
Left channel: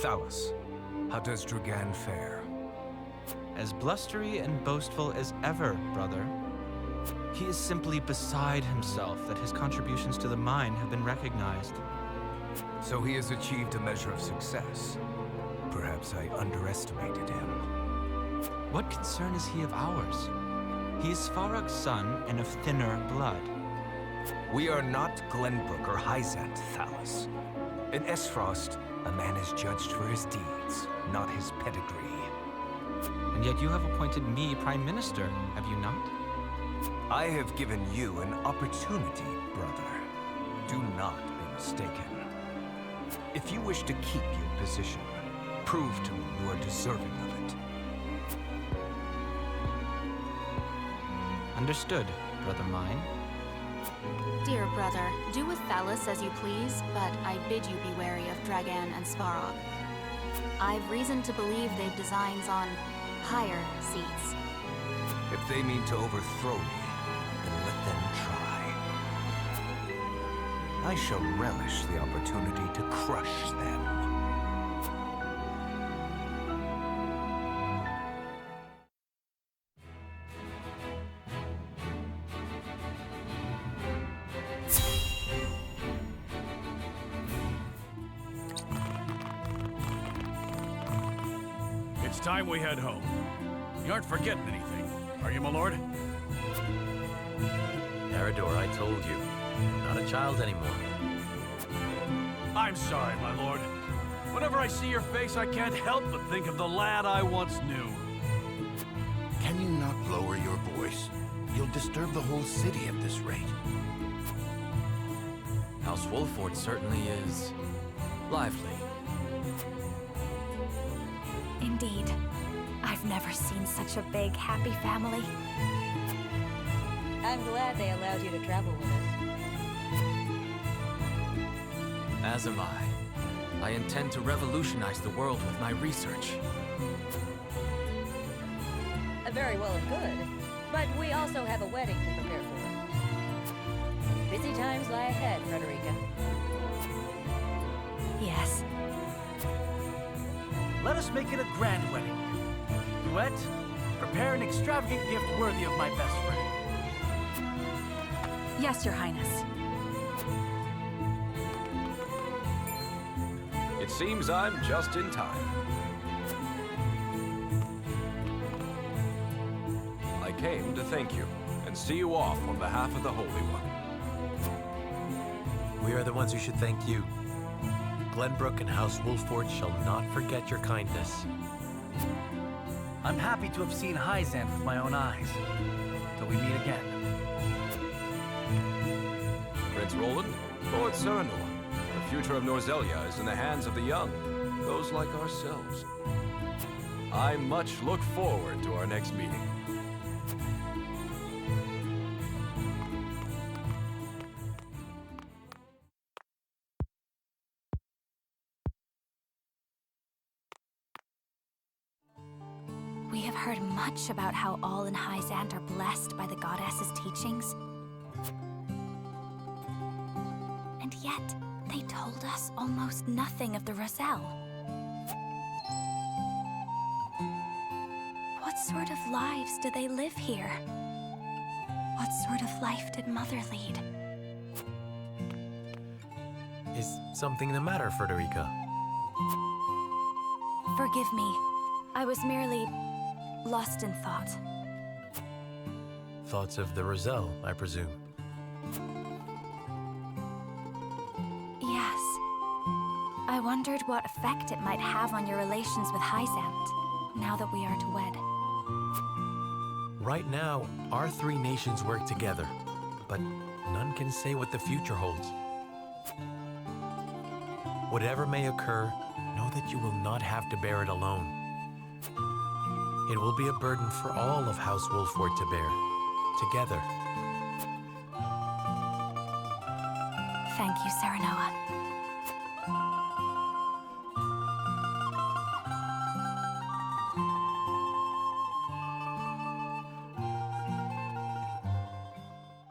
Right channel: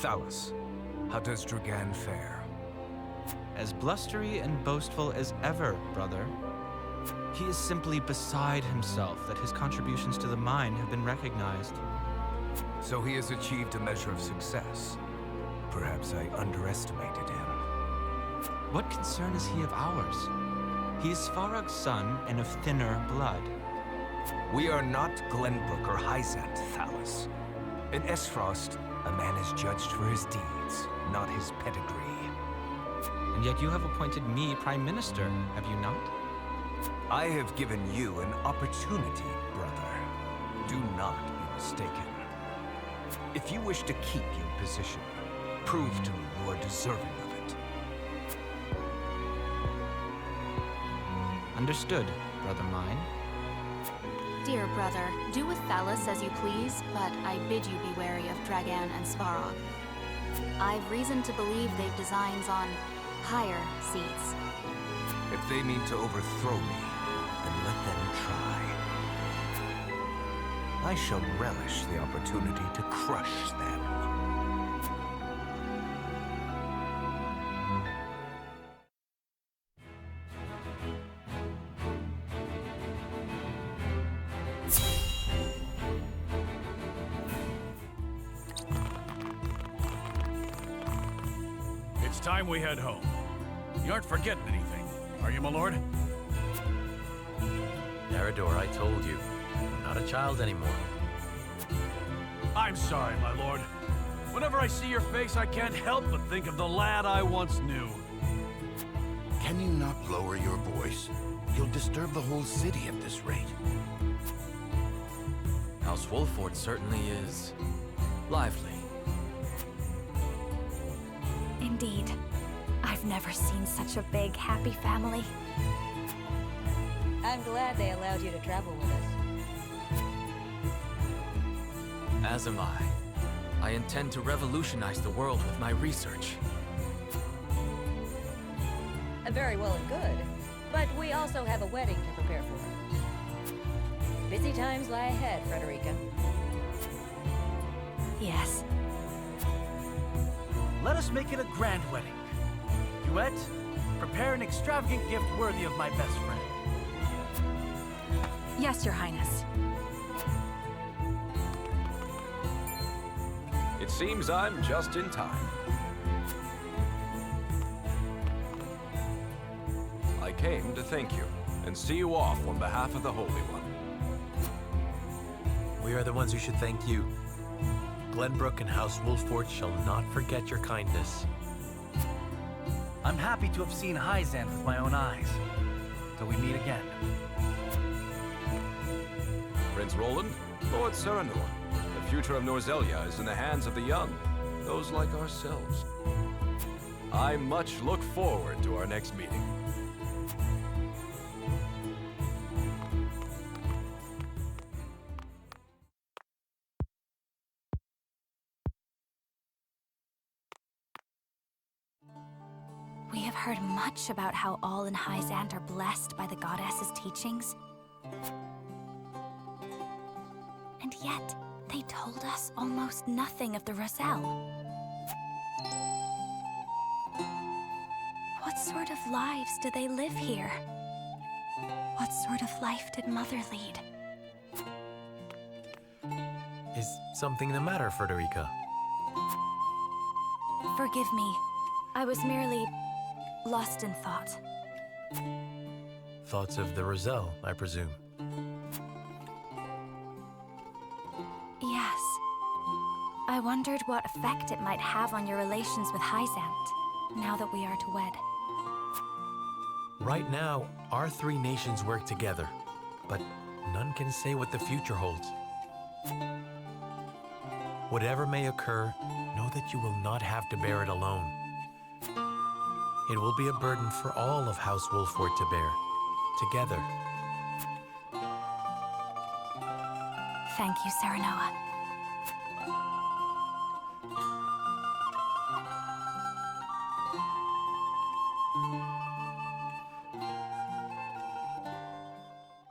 Thalus, how does Dragan fare? As blustery and boastful as ever, brother. He is simply beside himself that his contributions to the mine have been recognized. So he has achieved a measure of success. Perhaps I underestimated him. What concern is he of ours? He is Farag's son and of thinner blood. We are not Glenbrook or Hyzante, Thalus. In Aesfrost, a man is judged for his deeds, not his pedigree. And yet you have appointed me Prime Minister, have you not? I have given you an opportunity, brother. Do not be mistaken. If you wish to keep your position, prove to me you are deserving of it. Understood, brother mine. Dear brother, do with Thalus as you please, but I bid you be wary of Dragan and Svarog. I've reason to believe they've designs on higher seats. If they mean to overthrow me, then let them try. I shall relish the opportunity to crush them. It's time we head home. You aren't forgetting anything, are you, my lord? Eridor, I told you. I'm not a child anymore. I'm sorry, my lord. Whenever I see your face, I can't help but think of the lad I once knew. Can you not lower your voice? You'll disturb the whole city at this rate. House Wolford certainly is lively. Indeed. I've never seen such a big, happy family. I'm glad they allowed you to travel with us. As am I. I intend to revolutionize the world with my research. Very well and good. But we also have a wedding to prepare for. Busy times lie ahead, Frederica. Yes. Let us make it a grand wedding. Duet, prepare an extravagant gift worthy of my best friend. Yes, Your Highness. It seems I'm just in time. I came to thank you and see you off on behalf of the Holy One. We are the ones who should thank you. Glenbrook and House Wolford shall not forget your kindness. I'm happy to have seen Hyzante with my own eyes. Till we meet again. Prince Roland, Lord Serenor, the future of Norzelia is in the hands of the young, those like ourselves. I much look forward to our next meeting. We have heard much about how all in Hyzante are blessed by the goddess's teachings. And yet, they told us almost nothing of the Roselle. What sort of lives do they live here? What sort of life did Mother lead? Is something the matter, Frederica? Forgive me. I was merely lost in thought. Thoughts of the Roselle, I presume. Yes. I wondered what effect it might have on your relations with Hyzante, now that we are to wed. Right now, our three nations work together, but none can say what the future holds. Whatever may occur, know that you will not have to bear it alone. It will be a burden for all of House Wolford to bear, together. Thank you, Serenoa.